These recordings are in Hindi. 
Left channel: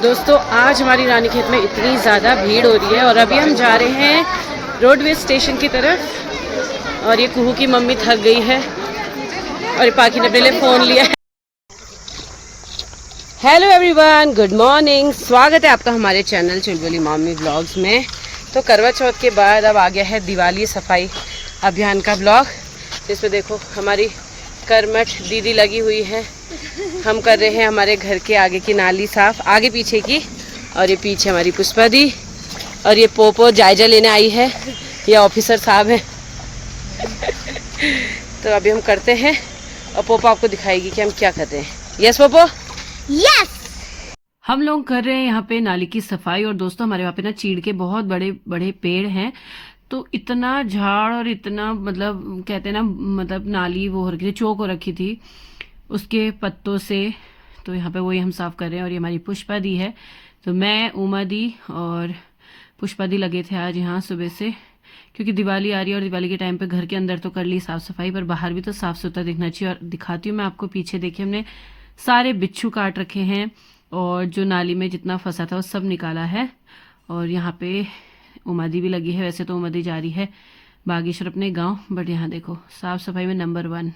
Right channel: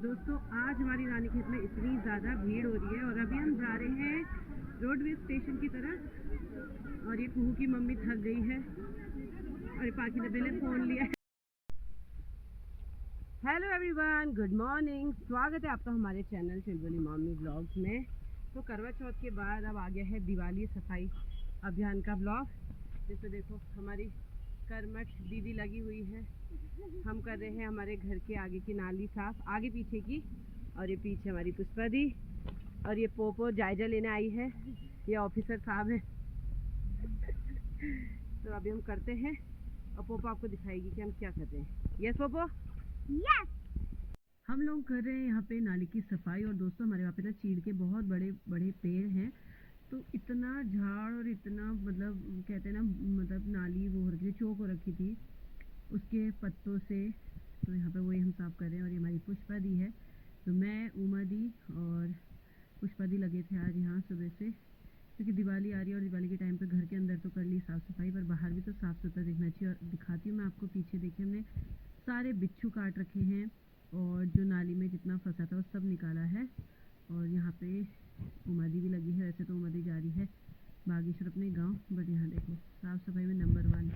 दोस्तों आज हमारी रानीखेत में इतनी ज़्यादा भीड़ हो रही है और अभी हम जा रहे हैं रोडवेज स्टेशन की तरफ। और ये कुहू की मम्मी थक गई है और ये पाखी ने अपने लिए फ़ोन लिया है। Hello everyone, good morning. स्वागत है आपका हमारे चैनल चुलबुली मॉमी ब्लॉग्स में। तो करवा चौथ के बाद अब आ गया है दिवाली सफाई अभियान का ब्लॉग, जिसमें देखो हमारी करमठ दीदी लगी हुई है। हम कर रहे हैं हमारे घर के आगे की नाली साफ, आगे पीछे की। और ये पीछे हमारी पुष्पा दी और ये पोपो जायजा लेने आई है, ये ऑफिसर साहब हैं। तो अभी हम करते हैं और पोपो आपको दिखाएगी कि हम क्या कर रहे हैं। Yes Poopó, yes. हम लोग कर रहे हैं यहाँ पे नाली की सफाई। और दोस्तों हमारे वहाँ पे ना चीड़ के बहुत बड़े बड़े पेड़ हैं, तो इतना झाड़ और इतना मतलब कहते हैं ना, मतलब नाली वो हो रखी थी, चौक हो रखी थी उसके पत्तों से। तो यहाँ पे वही हम साफ कर रहे हैं। और ये हमारी पुष्पा दी है। तो मैं, उमा दी और पुष्पा दी लगे थे आज यहाँ सुबह से, क्योंकि दिवाली आ रही है और दिवाली के टाइम पे घर के अंदर तो कर ली साफ सफाई, पर बाहर भी तो साफ सुथरा दिखना चाहिए। और दिखाती हूँ मैं आपको, पीछे देखिए हमने सारे बिच्छू काट रखे हैं और जो नाली में जितना फंसा था वो सब निकाला है। और यहाँ पे उमादी भी लगी है। वैसे तो उमादी जा रही है बागेश्वर अपने गांव, बट यहाँ देखो साफ सफाई में नंबर 1।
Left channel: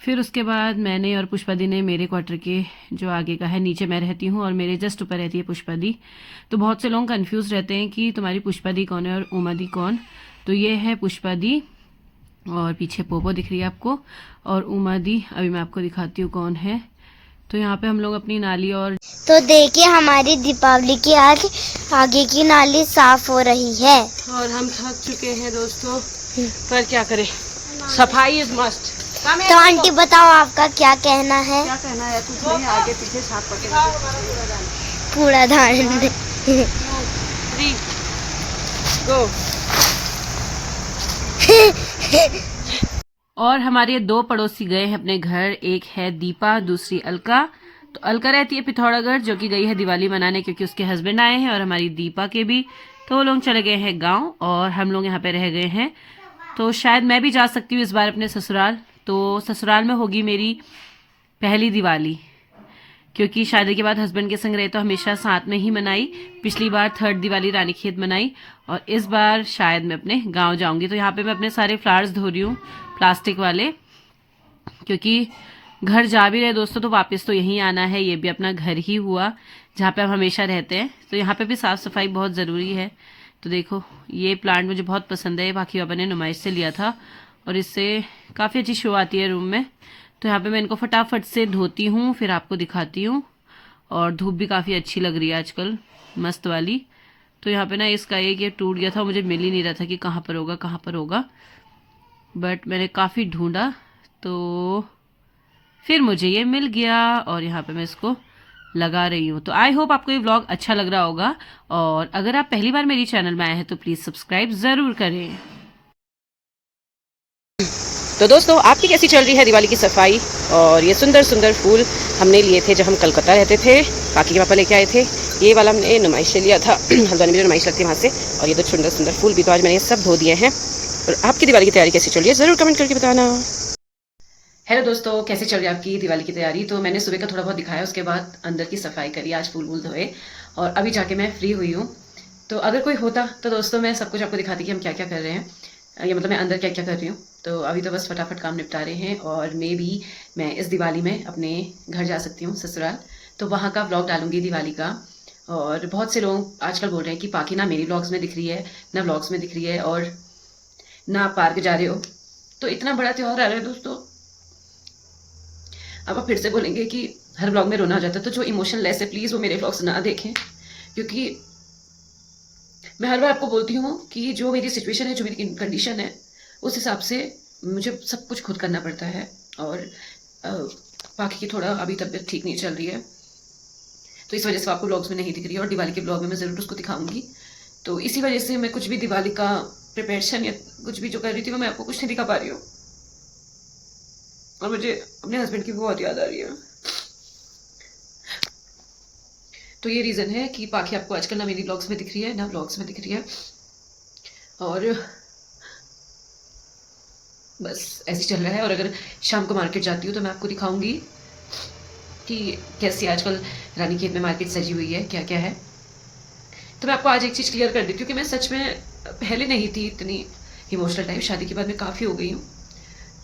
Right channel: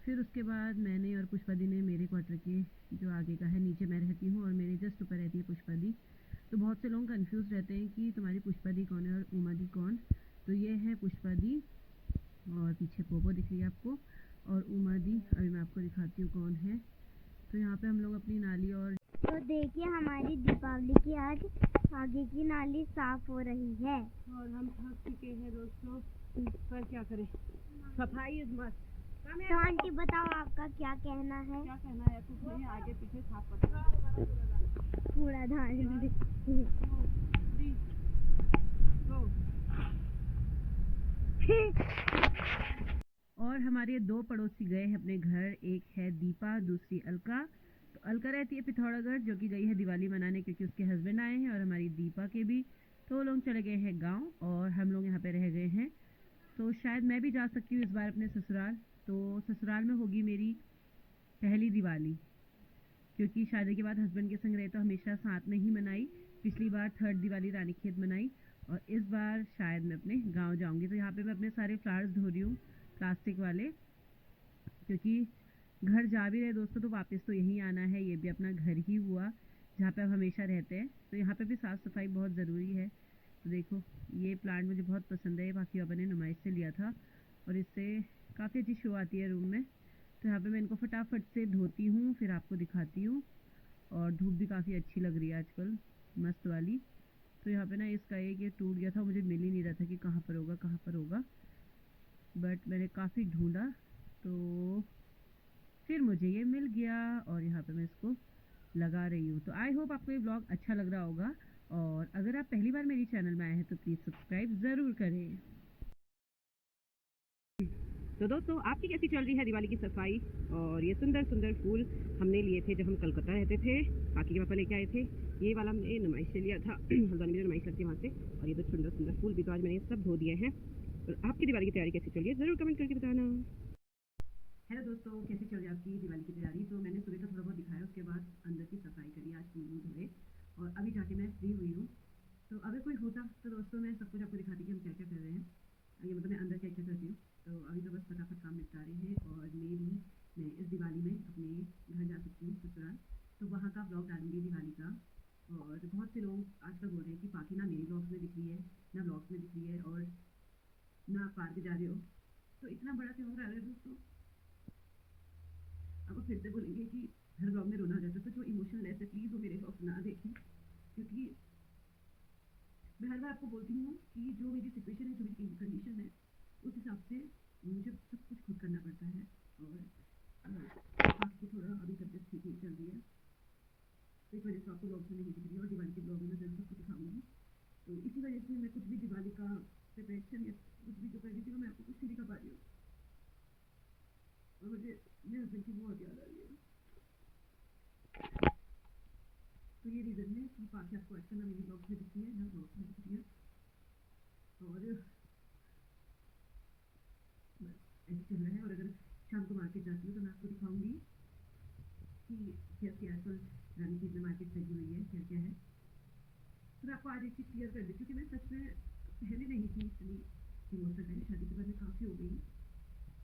फिर उसके बाद मैंने और पुष्पा दी ने मेरे क्वार्टर के जो आगे का है, नीचे मैं रहती हूँ और मेरे जस्ट ऊपर रहती है पुष्पा दी। तो बहुत से लोग कंफ्यूज रहते हैं कि तुम्हारी पुष्पा दी कौन है और उमा दी कौन। तो ये है पुष्पा दी और पीछे पोपो दिख रही है आपको, और उमा दी अभी मैं आपको दिखाती हूँ कौन है। तो यहाँ पे हम लोग अपनी नाली और तो देखिए हमारी दीपावली की आज आगे की नाली साफ हो रही है। और हम थक चुके हैं दोस्तों, पर क्या करें, सफाई इज मस्ट। तो आंटी बताओ आपका क्या कहना है? क्या कहना है, कुछ नहीं, आगे पीछे साफ करके कूड़ा दान। 3 गो। और हमारे 2 पड़ोसी गए हैं अपने घर, एक है दीपा, दूसरी अलका। तो अलका रहती है पिथौरागढ़, जो कि गई है दिवाली मनाने क्योंकि उसके हस्बैंड आए हैं, और हमारी दीपा के भी। तो वो लोग चले गए हैं गांव और हम लोग यहाँ पे रह गए हैं। तो शायद मैं भी जा सकती हूँ इस बार अपने ससुराल। तो ससुराल में होगी मेरी पहली दिवाली, क्योंकि शादी के बाद हस्बैंड के संग रहे तो हमेशा साथ में ही मनाई। पिछली बार 3rd दिवाली रानीखेत मनाई और इस बार शायद मैं अपने गांव जाऊंगी। तो यहाँ पे मैं अपने सारे फ्लावर्स धो रही हूँ, प्लास्टिक वाले, क्योंकि घर जा भी रहे दोस्तों तो वापस तो यहीं आना है। ये भी अपना घर ही हुआ जहाँ पे हम हमेशा रहते हैं, तो यहाँ पे भी साफ़ सफाई बहुत ज़रूरी है। तो देखो ये प्लांट मुझे बहुत पसंद है, बाकी बाबा ने नुमाइश से लिया था और इससे काफ़ी अच्छी शो आती है रूम में। तो यहाँ पे मैं इनको फटाफट से धोती हूँ, फिर आपको दिखाती हूँ। और धूप भी काफ़ी अच्छी लग रही है आजकल, मस्त वाली। तो यहाँ पे ना इसका एक ये टूट गया था, मुझे मिल ही नहीं रहा था कि कहाँ पर होगा कहाँ पर होगा, बट मैंने काफ़ी ढूंढा तो फिर मुझे ये मिल गया और यहाँ पे मैं इसको लगा रही हूँ। तो आई होप आपको ये व्लॉग अच्छा लग रहा होगा, और अगर आप पहली बार मेरी चैनल में आए हैं तो प्लीज़ सब्सक्राइब ज़रूर करें। तो दोस्तों आपकी कैसी चल रही है दिवाली की सफाई? और ये सुंदर सुंदर फूल हमने लिए थे जब हम कलकत्ता रहते थे, बाकी के पापा लेके आए थे। ये वाला हमने नुमाइश से लिया था, हल्द्वानी में जो नुमाइश लगती है वहाँ से। और ये तो सुंदर सुंदर फूल भी तो आज मैंने ये सब धो दिए हैं। और आपकी दिवाली की तैयारी कैसी चल रही है ज़रूर कमेंट करके बताना। हेलो दोस्तों, कैसे चल रही है आपकी दिवाली की तैयारी? तो मैंने सुबह का थोड़ा बहुत दिखाया, उसके बाद अंदर की सफाई करी, आज फूल वूल धोए और अभी जाके मैं फ्री हुई हूँ। तो अगर कोई होता तो दोस्तों मैं सब कुछ आपको दिखाती कि हम क्या क्या कर रहे हैं, ये मतलब मैं अंदर क्या क्या कर रही हूँ। तो अभी तो बस फटाफट काम निपटा रहे हैं और मैं इस दिवाली में अपने घर जा सकती हूँ ससुराल, तो वहाँ का व्लॉग डालूंगी दिवाली का। और बहुत से लोग आजकल बोल रहे हैं कि पाकि ना मेरी व्लॉग्स में दिख रही है, ना व्लॉग्स में दिख रही है, और ना आप पार्क जा रहे हो। तो इतना बड़ा त्यौहार आ रहा है दोस्तों, अब आप फिर से बोलेंगे कि हर व्लॉग में रोना आ जाता है, तो जो इमोशन लेस है प्लीज़ वो मेरे व्लॉग्स ना देखें, क्योंकि मैं हर बार आपको बोलती हूँ कि जो मेरी सिचुएशन है, जो मेरी कंडीशन है, उस हिसाब से मुझे सब कुछ खुद करना पड़ता है। और बाकी की थोड़ा अभी तबीयत ठीक नहीं चल रही है, तो इस वजह से आपको व्लॉग्स में नहीं दिख रही है, और दिवाली के व्लॉग में मैं ज़रूर उसको दिखाऊंगी। तो इसी वजह से मैं कुछ भी दिवाली का प्रिपरेशन या कुछ भी जो कर रही थी वो मैं आपको कुछ नहीं दिखा पा रही हूँ। और मुझे अपने हस्बैंड की बहुत याद आ रही है। तो ये रीज़न है कि पाखी आपको आजकल ना मेरी व्लॉग्स में दिख रही है ना व्लॉग्स में दिख रही है, और बस ऐसे चल रहा है। और अगर शाम को मार्केट जाती हूँ तो मैं आपको दिखाऊंगी कि कैसी आजकल रानीखेत में मार्केट सजी हुई है, क्या क्या है। तो मैं आपको आज एक चीज़ क्लियर कर देती हूँ कि मैं सच में पहले नहीं थी इतनी इमोशनल टाइप, शादी के बाद मैं काफ़ी हो गई हूँ,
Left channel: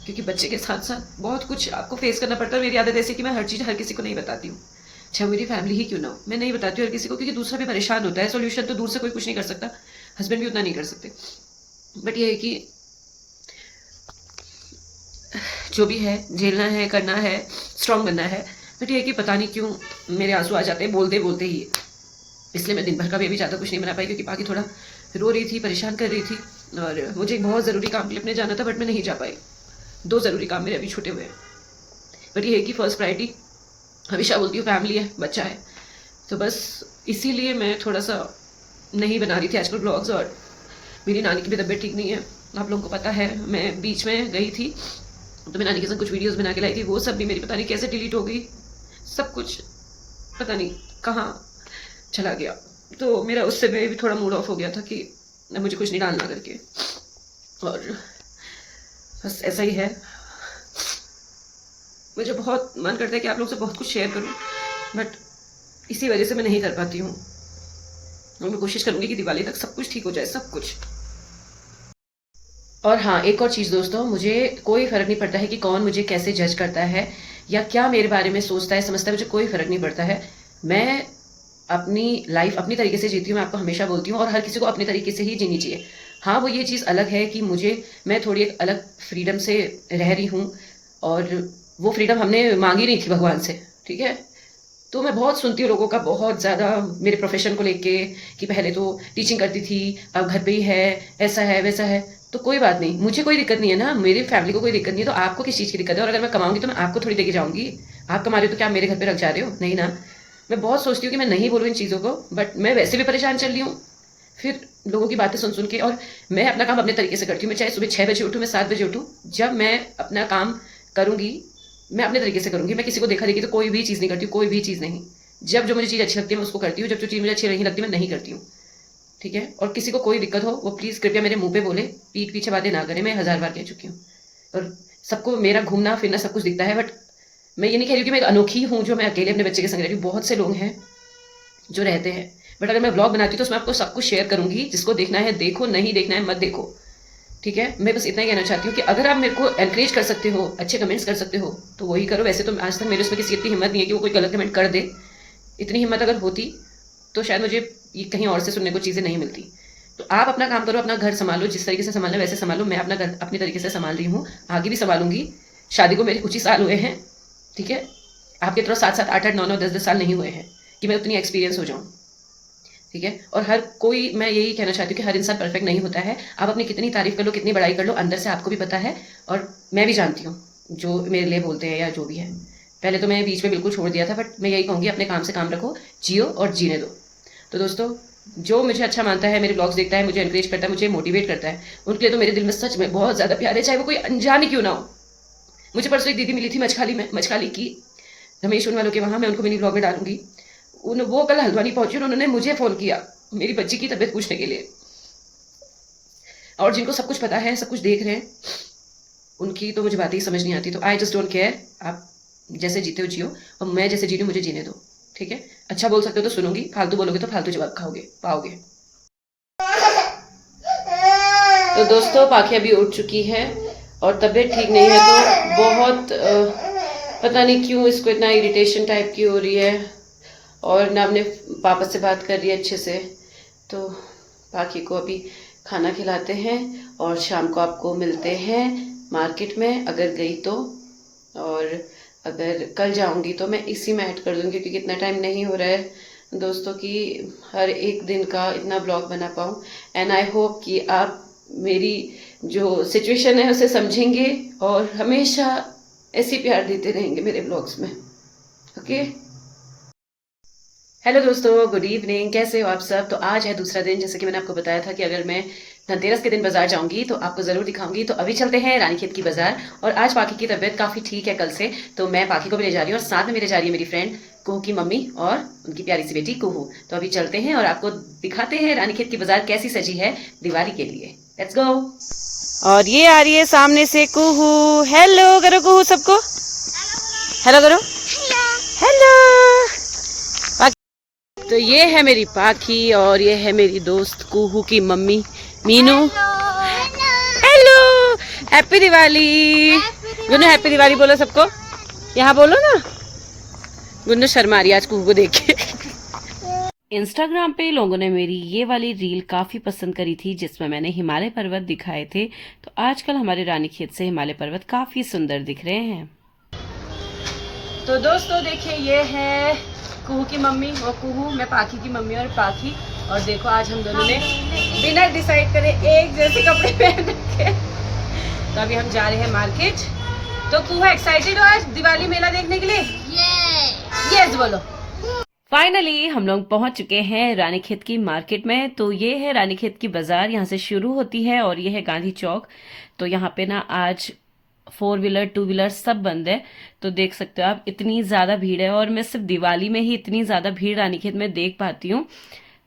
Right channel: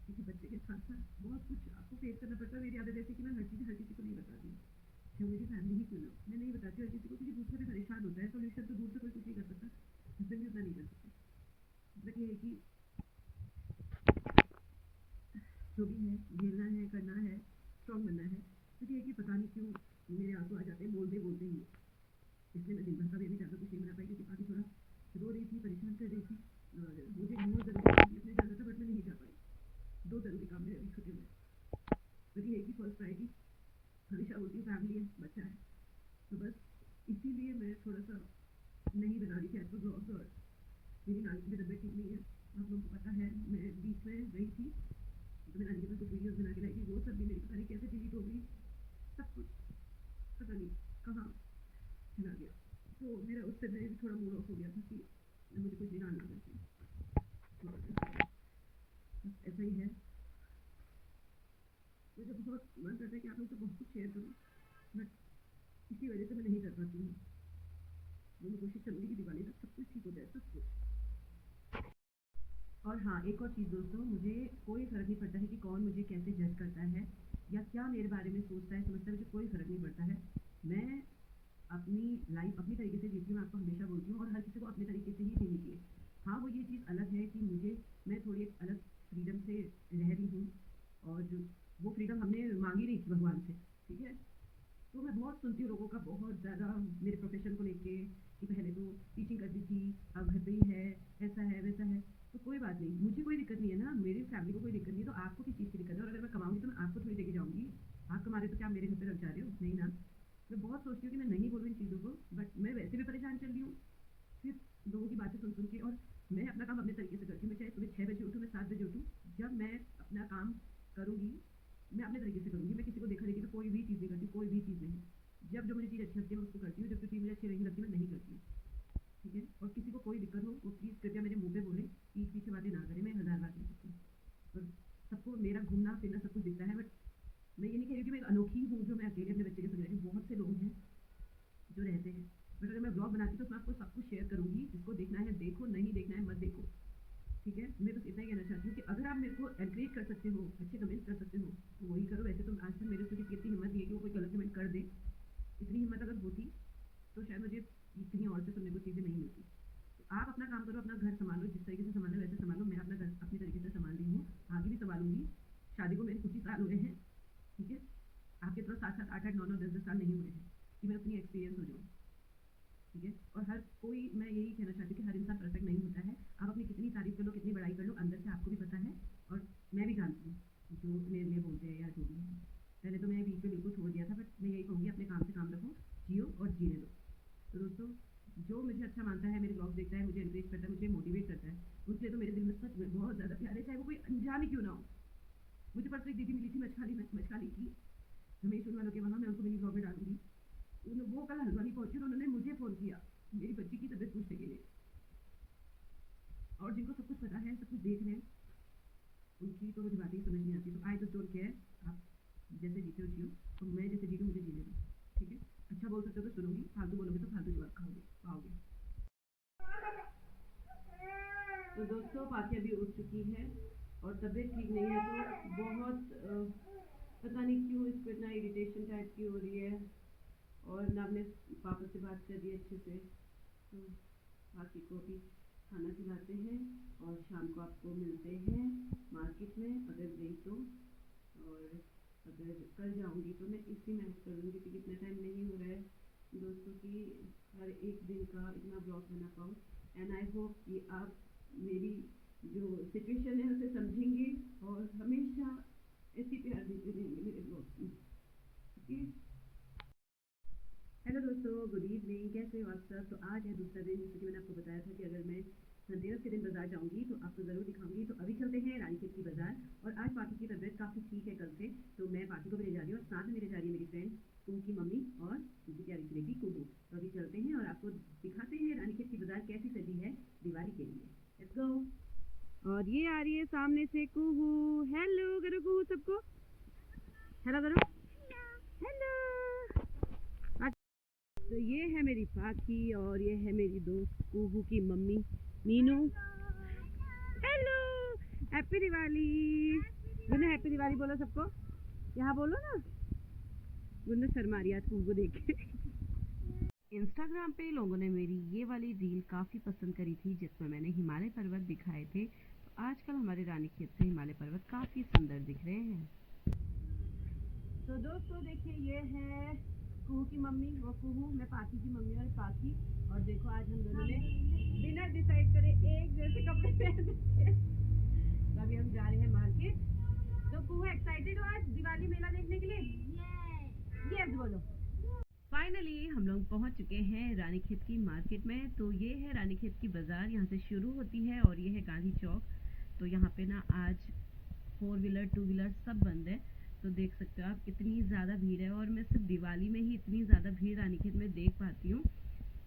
क्योंकि बच्चे के साथ साथ बहुत कुछ आपको फेस करना पड़ता है। मेरी आदत ऐसी कि मैं हर चीज़ हर किसी को नहीं बताती हूँ, चाहे मेरी फैमिली ही क्यों ना हो, मैं नहीं बताती हूँ हर किसी को, क्योंकि दूसरा भी परेशान होता है। सोल्यूशन तो दूर से कोई कुछ नहीं कर सकता, हस्बैंड भी उतना नहीं कर सकते। बट ये है कि जो भी है झेलना है, करना है, स्ट्रांग बनना है। बट ये है कि पता नहीं क्यों मेरे आंसू आ जाते हैं बोलते बोलते ही, इसलिए मैं दिन भर का भी अभी ज़्यादा कुछ नहीं बना पाई, क्योंकि बाकी थोड़ा रो रही थी, परेशान कर रही थी, और मुझे एक बहुत ज़रूरी काम के लिए अपने जाना था, बट मैं नहीं जा पाई। 2 ज़रूरी काम मेरे अभी छूटे हुए हैं। बट ये है कि फर्स्ट प्रायोरिटी हमेशा बोलती हूँ फैमिली है, बच्चा है, तो बस इसीलिए मैं थोड़ा सा नहीं बना रही थी आजकल ब्लॉग्स। और मेरी नानी की भी तबीयत ठीक नहीं है, आप लोगों को पता है। मैं बीच में गई थी तो मैं नानी के साथ कुछ वीडियोस बना के लाई थी, वो सब भी मेरी पता नहीं कैसे डिलीट हो गई, सब कुछ पता नहीं कहाँ चला गया। तो मेरा उससे भी थोड़ा मूड ऑफ हो गया था कि मुझे कुछ नहीं डालना करके, और बस ऐसा ही है। मुझे बहुत मन करता है कि आप लोग से बहुत कुछ शेयर करूं, बट इसी वजह से मैं नहीं कर पाती हूँ। और मैं कोशिश करूंगी कि दिवाली तक सब कुछ ठीक हो जाए, सब कुछ। और हाँ, एक और चीज़ दोस्तों, मुझे कोई फ़र्क नहीं पड़ता है कि कौन मुझे कैसे जज करता है या क्या मेरे बारे में सोचता है, समझता है, मुझे कोई फ़र्क नहीं पड़ता है। मैं अपनी लाइफ अपनी तरीके से जीती हूँ, मैं आपको हमेशा बोलती हूँ, और हर किसी को अपने तरीके से ही जीनी चाहिए। हाँ, वो ये चीज़ अलग है कि मैं थोड़ी एक अलग फ्रीडम से रह रही हूँ, और वो फ्रीडम हमने मांगी नहीं थी भगवान से, ठीक है। तो मैं बहुत सुनती हूँ लोगों का बहुत ज़्यादा मेरे प्रोफेशन को लेके, कि पहले तो टीचिंग करती थी, अब घर पे ही है, ऐसा है वैसा है। तो कोई बात नहीं, मुझे कोई दिक्कत नहीं है ना, मेरी फैमिली को कोई दिक्कत नहीं है, तो आपको किस चीज़ की दिक्कत है? और अगर मैं कमाऊंगी तो मैं आपको थोड़ी देके जाऊंगी। आप कमा रहे हो तो क्या आप मेरे घर पे रख जा रहे हो? नहीं ना। मैं बहुत सोचती हूँ कि मैं नहीं बोलूँ इन चीज़ों को, बट मैं वैसे भी परेशान चल रही हूँ फिर लोगों की बातें सुन सुन के। और मैं अपना काम अपने तरीके से करती हूँ, मैं चाहे सुबह 6 बजे उठूँ, मैं 7 बजे उठूँ, जब मैं अपना काम करूँगी मैं अपने तरीके से करूँगी। मैं किसी को देखा देखी तो कोई भी चीज़ नहीं करती हूँ, कोई भी चीज़ नहीं। जब जो मुझे चीज़ अच्छी लगती है मैं उसको करती हूँ, जब जो चीज़ मुझे अच्छी नहीं लगती मैं नहीं करती हूँ, ठीक है। और किसी को कोई दिक्कत हो वो प्लीज़ कृपया मेरे मुंह पे बोले, पीठ पीछे बातें ना करें, मैं 1000 बार कह चुकी हूँ। और सबको मेरा घूमना फिरना सब कुछ दिखता है, बट मैं ये नहीं कह रही कि मैं एक अनोखी हूँ जो मैं अकेले अपने बच्चे के संग रह रही हूँ। बहुत से लोग हैं जो रहते हैं, बट अगर मैं ब्लॉग बनाती हूँ तो उसमें आपको सब कुछ शेयर करूँगी। जिसको देखना है देखो, नहीं देखना है मत देखो, ठीक है। मैं बस इतना ही कहना चाहती हूँ कि अगर आप मेरे को एनकरेज कर सकते हो, अच्छे कमेंट्स कर सकते हो तो वही करो। वैसे तो आज तक मेरे उसमें किसी इतनी हिम्मत नहीं है कि वो कोई गलत कमेंट कर दे। इतनी हिम्मत अगर होती तो शायद मुझे ये कहीं और से सुनने को चीज़ें नहीं मिलती। तो आप अपना काम करो, अपना घर संभालो, जिस तरीके से संभालना वैसे संभालो। मैं अपना घर अपनी तरीके से संभाल रही हूँ, आगे भी संभालूंगी। शादी को मेरे कुछ ही साल हुए हैं, ठीक है। आपके तरह 7-7, 8-8, 9-9, 10-10 साल नहीं हुए हैं कि मैं उतनी एक्सपीरियंस हो जाऊँ, ठीक है। और हर कोई, मैं यही कहना चाहती हूँ कि हर इंसान परफेक्ट नहीं होता है। आप अपनी कितनी तारीफ कर लो, कितनी बड़ाई कर लो, अंदर से आपको भी पता है, और मैं भी जानती हूँ जो मेरे लिए बोलते हैं या जो भी है। पहले तो मैं बीच में बिल्कुल छोड़ दिया था, बट मैं यही कहूँगी अपने काम से काम रखो, जियो और जीने दो। तो दोस्तों, जो मुझे अच्छा मानता है, मेरे ब्लॉग्स देखता है, मुझे एनकरेज करता है, मुझे मोटिवेट करता है, उनके लिए तो मेरे दिल में सच में बहुत ज़्यादा प्यार है, चाहे वो कोई अनजान ही क्यों ना हो। मुझे परसों एक दीदी मिली थी मछखाली में, मछखाली की, रमेश उन वालों के वहाँ, मैं उनको मिनी ब्लॉग में डालूंगी। वो कल हल्द्वानी पहुंची और उन्होंने मुझे फ़ोन किया मेरी बच्ची की तबीयत पूछने के लिए। और जिनको सब कुछ पता है, सब कुछ देख रहे हैं, उनकी तो मुझे बातें ही समझ नहीं आती। तो आई जस्ट डोंट केयर, आप जैसे जीते हो जियो, और मैं जैसे जी रही हूँ मुझे जीने दो, ठीक है। अच्छा बोल सकते हो तो सुनूंगी, फालतू बोलोगे तो फालतू जवाब पाओगे। तो दोस्तों, पाखी अभी उठ चुकी है और तबीयत ठीक नहीं है, तो बहुत पता नहीं क्यों इसको इतना इरिटेशन टाइप की हो रही है, और ना अपने पापा से बात कर रही है अच्छे से। तो पाखी को अभी खाना खिलाते हैं और शाम को आपको मिलते हैं मार्केट में, अगर गई तो। और अगर कल जाऊंगी तो मैं इसी में ऐड कर दूंगी, क्योंकि इतना टाइम नहीं हो रहा है दोस्तों कि हर एक दिन का इतना ब्लॉग बना पाऊँ। एंड आई होप कि आप मेरी जो सिचुएशन है उसे समझेंगे और हमेशा ऐसी प्यार देते रहेंगे मेरे ब्लॉग्स में, ओके। हेलो दोस्तों, गुड इवनिंग, कैसे हो आप सब। तो आज है दूसरा दिन, जैसे कि मैंने आपको बताया था कि अगर मैं धनतेरस के दिन बाजार जाऊंगी तो आपको ज़रूर दिखाऊंगी। तो अभी चलते हैं रानीखेत की बाजार। और आज पाखी की तबीयत काफ़ी ठीक है कल से, तो मैं पाखी को भी ले जा रही हूँ, और साथ में मेरे जा रही है मेरी फ्रेंड कुहू की मम्मी और उनकी प्यारी सी बेटी कुहू। तो अभी चलते हैं और आपको दिखाते हैं रानीखेत की बाजार कैसी सजी है दिवाली के लिए। Let's go. और ये आ रही है सामने से कुहू। हेलो करो कुहू सबको, हेलो करो, हेलो। तो ये है मेरी पाखी और ये है मेरी दोस्त कुहू की mummy Meenu. Hello, happy Diwali. Gunnu happy Diwali बोलो सबको, यहाँ बोलो ना। गुन्नू शर्मा रही आज कुहू को देख के। इंस्टाग्राम पे लोगों ने मेरी ये वाली रील काफ़ी पसंद करी थी जिसमें मैंने हिमालय पर्वत दिखाए थे। तो आजकल हमारे रानीखेत से हिमालय पर्वत काफ़ी सुंदर दिख रहे हैं। तो दोस्तों देखिए, ये है कुहू की मम्मी और कुहू, मैं पाखी की मम्मी और पाखी। और देखो आज हम दोनों ने बिना डिसाइड करे एक जैसे कपड़े पहन रखे। तो अभी हम जा रहे हैं मार्केट। तो कुहू एक्साइटेड हो आज दिवाली मेला देखने के लिए? यस बोलो। फाइनली हम लोग पहुंच चुके हैं रानीखेत की मार्केट में। तो ये है रानीखेत की बाजार, यहाँ से शुरू होती है और ये है गांधी चौक। तो यहाँ पे ना आज 4 व्हीलर 2 व्हीलर सब बंद है। तो देख सकते हो आप, इतनी ज़्यादा भीड़ है और मैं सिर्फ दिवाली में ही इतनी ज़्यादा भीड़ रानीखेत में देख पाती हूँ।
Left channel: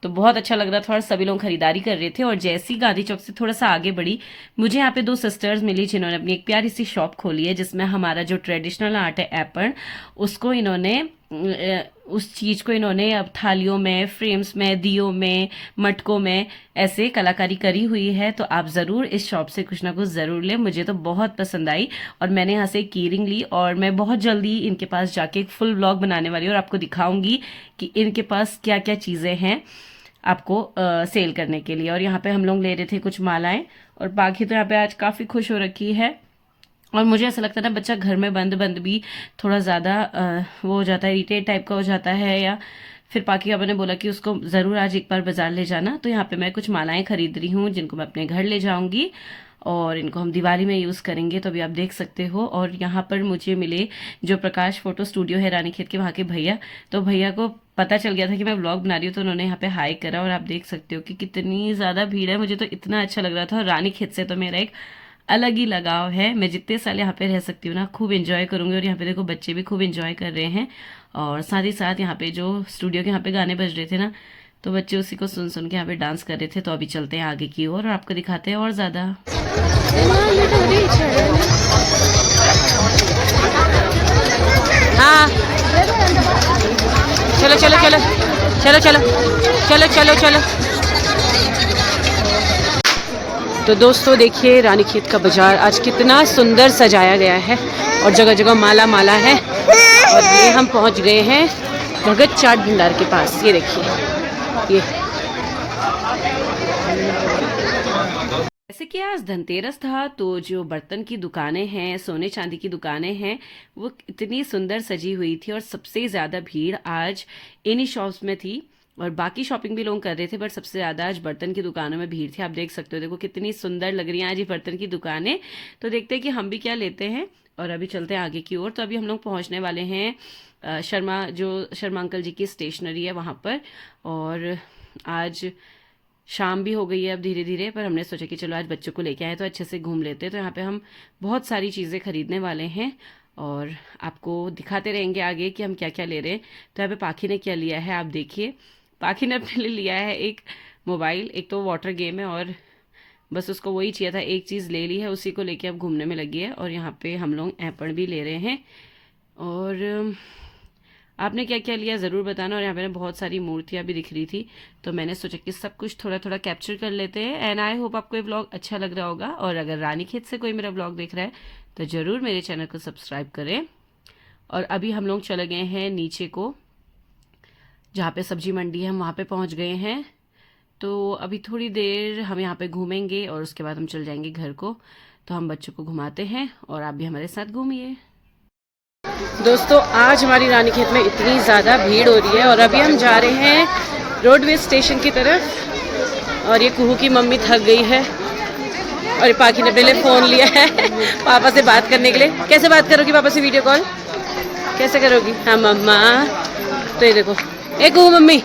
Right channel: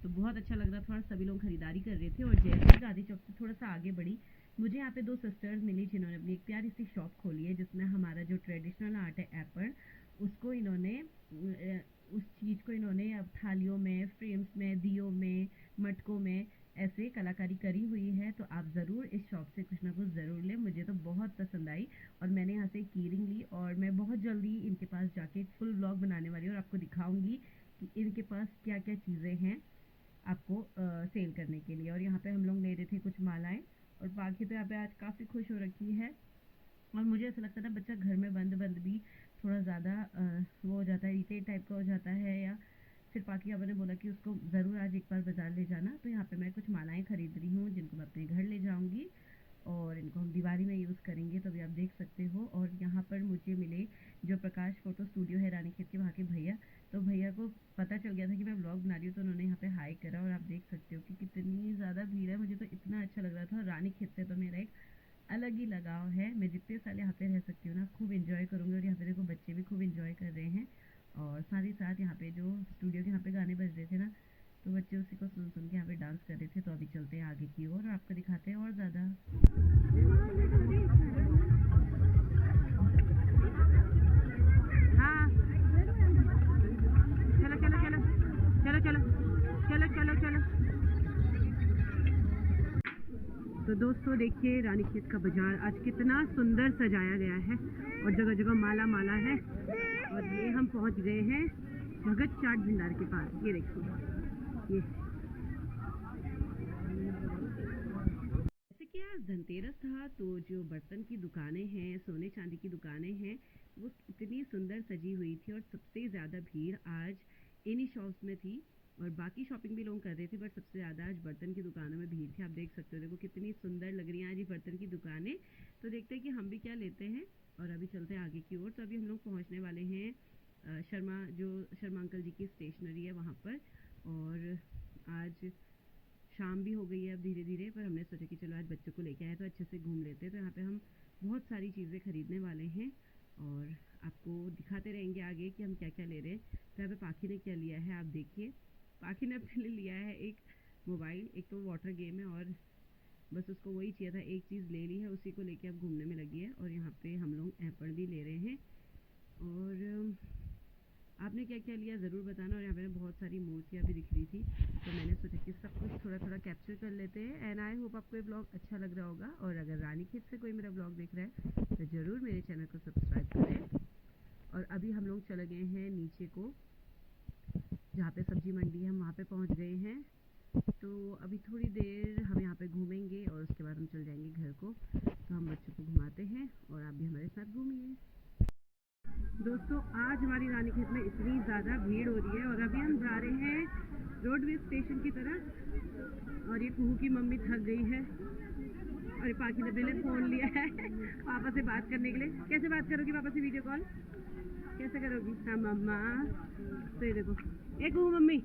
तो बहुत अच्छा लग रहा था और सभी लोग खरीदारी कर रहे थे। और जैसे ही गांधी चौक से थोड़ा सा आगे बढ़ी, मुझे यहाँ पे 2 सिस्टर्स मिली जिन्होंने अपनी एक प्यारी सी शॉप खोली है जिसमें हमारा जो ट्रेडिशनल आर्ट है एपण, उसको इन्होंने उस चीज़ को इन्होंने अब थालियों में, फ्रेम्स में, दियों में, मटकों में ऐसे कलाकारी करी हुई है। तो आप ज़रूर इस शॉप से कुछ ना कुछ ज़रूर लें। मुझे तो बहुत पसंद आई और मैंने यहाँ से एक कीरिंग ली और मैं बहुत जल्दी इनके पास जाके एक फुल व्लॉग बनाने वाली हूँ और आपको दिखाऊंगी कि इनके पास क्या क्या चीज़ें हैं आपको सेल करने के लिए। और यहाँ पे हम लोग ले रहे थे कुछ मालाएं और बाकी तो यहाँ पे आज काफ़ी खुश हो रखी है। और मुझे ऐसा लगता है ना, बच्चा घर में बंद बंद भी थोड़ा ज़्यादा वो हो जाता है, इरिटेट टाइप का हो जाता है। या फिर पाकी पापा ने बोला कि उसको ज़रूर आज एक बार बाजार ले जाना। तो यहाँ पे मैं कुछ मालाएं खरीद रही हूँ जिनको मैं अपने घर ले जाऊँगी और इनको हम दिवाली में यूज़ करेंगे। तो अभी आप देख सकते हो। और यहाँ पर मुझे मिले जो प्रकाश फोटो स्टूडियो है रानीखेत के, वहाँ के भैया। तो भैया को पता चल गया था कि मैं व्लॉग बना रही हूँ तो उन्होंने यहाँ पे हाई करा और आप देख सकते हो कि कितनी ज़्यादा भीड़ है। मुझे तो इतना अच्छा लग रहा था और रानीखेत से तो मेरा एक अलग ही लगाव है। मैं जितने साल यहाँ पे रह सकती हूँ ना, खूब एंजॉय करूँगी। और यहाँ पे देखो बच्चे भी खूब एंजॉय कर रहे हैं। और साथ ही साथ यहाँ पे जो स्टूडियो के यहाँ पे गाने बज रहे थे ना, तो बच्चे उसी को सुन सुन के यहाँ पे डांस कर रहे थे। तो अभी चलते हैं आगे की ओर और आपको दिखाते हैं और ज़्यादा। हाँ चलो चलो चलो चलो चलो चलो चलो चलो। तो दोस्तों देखिए, रानीखेत का बाजार आज कितना सुंदर सजाया गया है और जगह जगह माला माला है। और ये हम पहुंच गए हैं भगत चाट भंडार के पास। ये देखिए, ये जैसे कि आज धनतेरस था तो जो बर्तन की दुकानें हैं, सोने चांदी की दुकानें हैं, वो इतनी सुंदर सजी हुई थी। और सबसे ज़्यादा भीड़ आज इन्हीं शॉप्स में थी और बाकी शॉपिंग भी लोग कर रहे थे, बट सबसे ज़्यादा आज बर्तन की दुकानों में भीड़ थी। आप देख सकते हो, देखो कितनी सुंदर लग रही हैं आज ये बर्तन की दुकानें। तो देखते हैं कि हम भी क्या लेते हैं और अभी चलते हैं आगे की ओर। तो अभी हम लोग पहुंचने वाले हैं शर्मा अंकल जी की स्टेशनरी है वहाँ पर। और आज शाम भी हो गई है अब धीरे धीरे, पर हमने सोचा कि चलो आज बच्चों को लेके आए तो अच्छे से घूम लेते हैं। तो यहाँ पे हम बहुत सारी चीज़ें खरीदने वाले हैं और आपको दिखाते रहेंगे आगे कि हम क्या क्या ले रहे हैं। तो यहाँ पे पाखी ने क्या लिया है आप देखिए। पाखी ने अपने लिए लिया है एक मोबाइल, एक तो वाटर गेम है और बस उसको वही चाहिए था, एक चीज़ ले ली है, उसी को लेके अब घूमने में लगी है। और यहाँ पे हम लोग एप्पल भी ले रहे हैं। और आपने क्या क्या लिया ज़रूर बताना। और यहाँ पे बहुत सारी मूर्तियाँ भी दिख रही थी तो मैंने सोचा कि सब कुछ थोड़ा थोड़ा कैप्चर कर लेते हैं। एंड आई होप आपको ये व्लॉग अच्छा लग रहा होगा। और अगर रानीखेत से कोई मेरा व्लॉग देख रहा है तो ज़रूर मेरे चैनल को सब्सक्राइब करें। और अभी हम लोग चले गए हैं नीचे को, जहाँ पे सब्जी मंडी है, हम वहाँ पे पहुँच गए हैं। तो अभी थोड़ी देर हम यहाँ पे घूमेंगे और उसके बाद हम चल जाएंगे घर को। तो हम बच्चों को घुमाते हैं और आप भी हमारे साथ घूमिए। दोस्तों आज हमारी रानीखेत में इतनी ज़्यादा भीड़ हो रही है और अभी हम जा रहे हैं रोडवेज स्टेशन की तरफ। और ये कुहू की मम्मी थक गई है और पाखी ने पहले फ़ोन लिया है पापा से बात करने के लिए। कैसे बात करोगी पापा से वीडियो कॉल, कैसे करोगी? हाँ मम्मा। तो ये देखो, एक कुहू मम्मी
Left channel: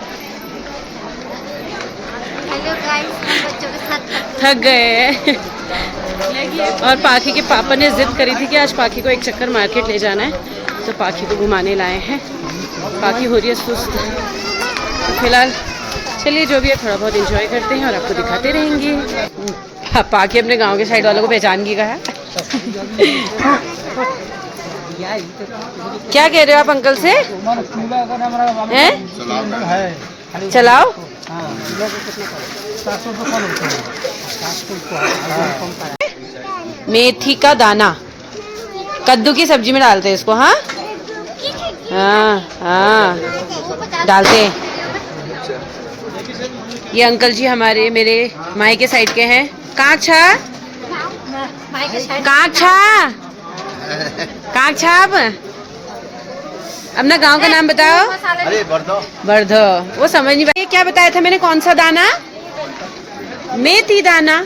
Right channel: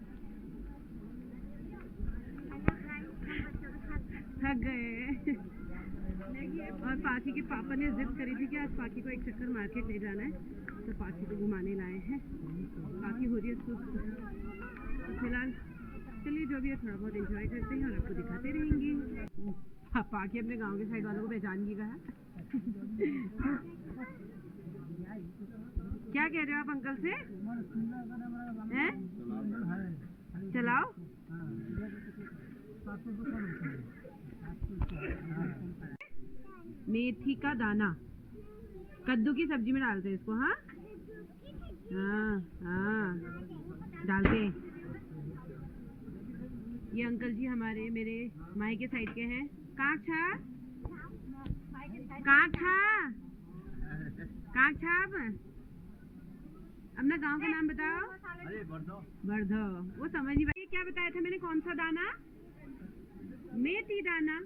थक गए और पाखी के पापा ने जिद करी थी कि आज पाखी को एक चक्कर मार्केट ले जाना है। तो पाखी को घुमाने लाए हैं। पाखी हो रही है सुस्त। तो फिलहाल चलिए जो भी है थोड़ा बहुत एंजॉय करते हैं और आपको दिखाते रहेंगे। हाँ, पाखी अपने गांव के साइड वालों को पहचान गई कहा। क्या कह रहे हो आप अंकल से? हैं? चलाओ। मेथी का दाना कद्दू की सब्जी में डालते हैं इसको। हाँ हाँ हाँ डालते हैं। ये अंकल जी हमारे मेरे माई के साइड के हैं। काक छाप अपना गांव का नाम बताओ। अरे बर्धो। वो समझ नहीं पाई। क्या बताया था मैंने? कौन सा दाना? मेथी दाना।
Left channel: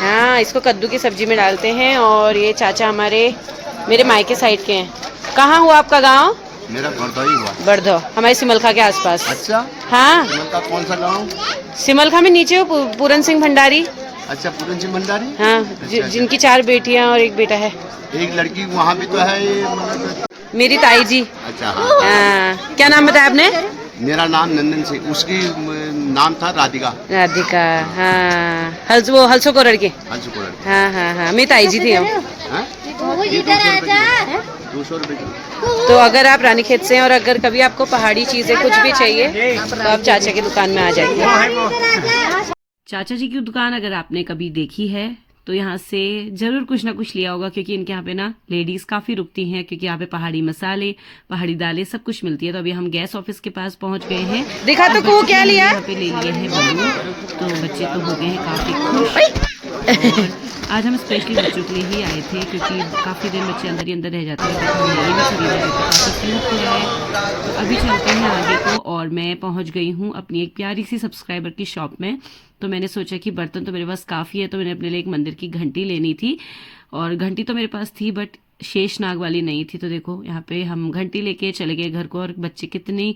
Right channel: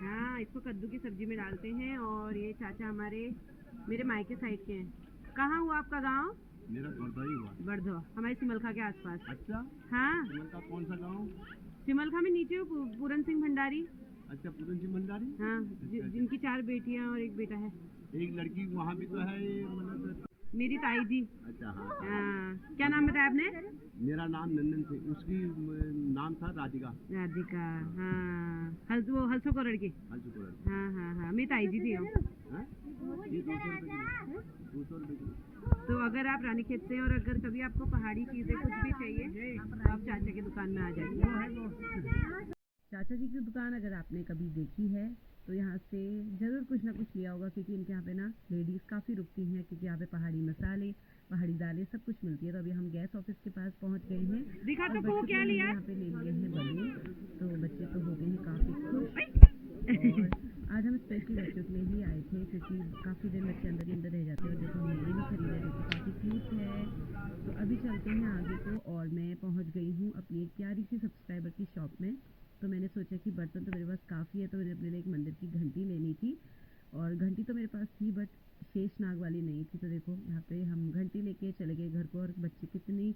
हाँ, इसको कद्दू की सब्जी में डालते हैं। और ये चाचा हमारे मेरे मायके साइड के हैं। कहाँ हुआ आपका गांव? मेरा बर्दो ही हुआ। बर्धो, हमारे सिमलखा के आसपास। अच्छा, हाँ, सिमलखा कौन सा गाँव? सिमलखा में नीचे हो पूरन सिंह भंडारी। अच्छा, पूरन सिंह भंडारी। हाँ, अच्छा। जिनकी 4 बेटियां और 1 बेटा है। एक लड़की वहाँ भी तो है ये, मतलब। मेरी ताई जी। अच्छा हाँ। हाँ, क्या नाम बताया आपने? मेरा नाम नंदन सिंह, उसकी नाम था राधिका। राधिका। हाँ, हल्सो कोरड़ के। हंसपुर। हाँ हाँ हाँ, मेरी ताई जी थी हम। हाँ? ये 200 रुपए की। तो अगर आप रानीखेत से हैं और अगर कभी आपको पहाड़ी चीजें कुछ भी चाहिए तो आप चाचा की दुकान में आ जाइए। चाचा जी की दुकान अगर आपने कभी देखी है तो यहाँ से जरूर कुछ ना कुछ लिया होगा, क्योंकि इनके यहाँ पे ना लेडीज काफी रुकती हैं, क्योंकि यहाँ पे पहाड़ी मसाले, पहाड़ी दालें सब कुछ मिलती है। तो अभी हम गैस ऑफिस के पास पहुंच गए हैं। देखा तो को क्या लिया? यहाँ पे ले लिए हैं बलून। तो बच्चे तो हो गए हैं काफी खुश। और आज हम स्पेशली बच्चों के लिए ही आए थे, क्योंकि काफ़ी देर बच्चे अंदर ही अंदर रह जाते हैं। तो हमने ये भी खरीदा जो कि काफ़ी क्यूट है। तो अभी चलते हैं आगे को। और मैं पहुंच गई हूँ अपनी एक प्यारी सी सब्सक्राइबर की शॉप में। तो मैंने सोचा कि बर्तन तो मेरे पास काफ़ी है, तो मैंने अपने लिए एक मंदिर की घंटी लेनी थी। और घंटी तो मेरे पास थी बट शेषनाग वाली नहीं थी। तो देखो यहाँ पे हम घंटी लेके चले गए घर को, और बच्चे कितनी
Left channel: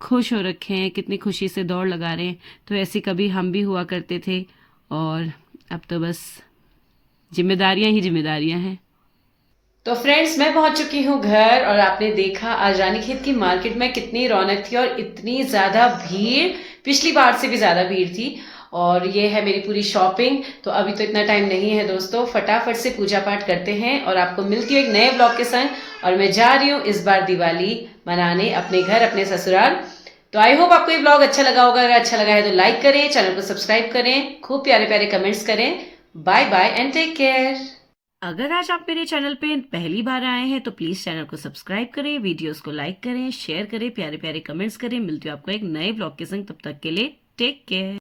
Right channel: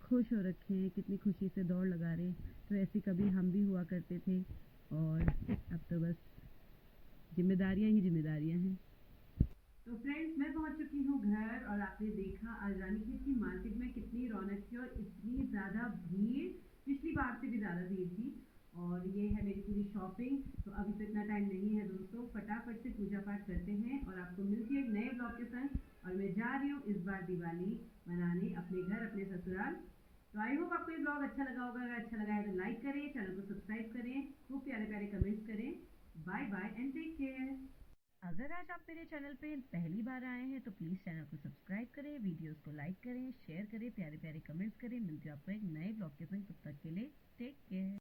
खुश हो रखे हैं, कितनी खुशी से दौड़ लगा रहे हैं। तो ऐसे कभी हम भी हुआ करते थे, और अब तो बस जिम्मेदारियां ही जिम्मेदारियां हैं। तो फ्रेंड्स, मैं पहुंच चुकी हूँ घर, और आपने देखा आज रानीखेत की मार्केट में कितनी रौनक थी और इतनी ज्यादा भीड़, पिछली बार से भी ज्यादा भीड़ थी। और ये है मेरी पूरी शॉपिंग। तो अभी तो इतना टाइम नहीं है दोस्तों, फटाफट से पूजा पाठ करते हैं और आपको मिलती हूँ एक नए ब्लॉग के संग। और मैं जा रही हूँ इस बार दिवाली मनाने अपने घर, अपने ससुराल। तो आई होप आपको ये ब्लॉग अच्छा लगा होगा। अगर अच्छा लगा है तो लाइक करें, चैनल को सब्सक्राइब करें, खूब प्यारे प्यारे कमेंट्स करें। Bye bye and take care. अगर आज आप मेरे चैनल पे पहली बार आए हैं तो प्लीज चैनल को सब्सक्राइब करें, वीडियोस को लाइक करें, शेयर करें, प्यारे प्यारे कमेंट्स करें। मिलती हूँ आपको एक नए ब्लॉग के संग। तब तक के लिए टेक केयर।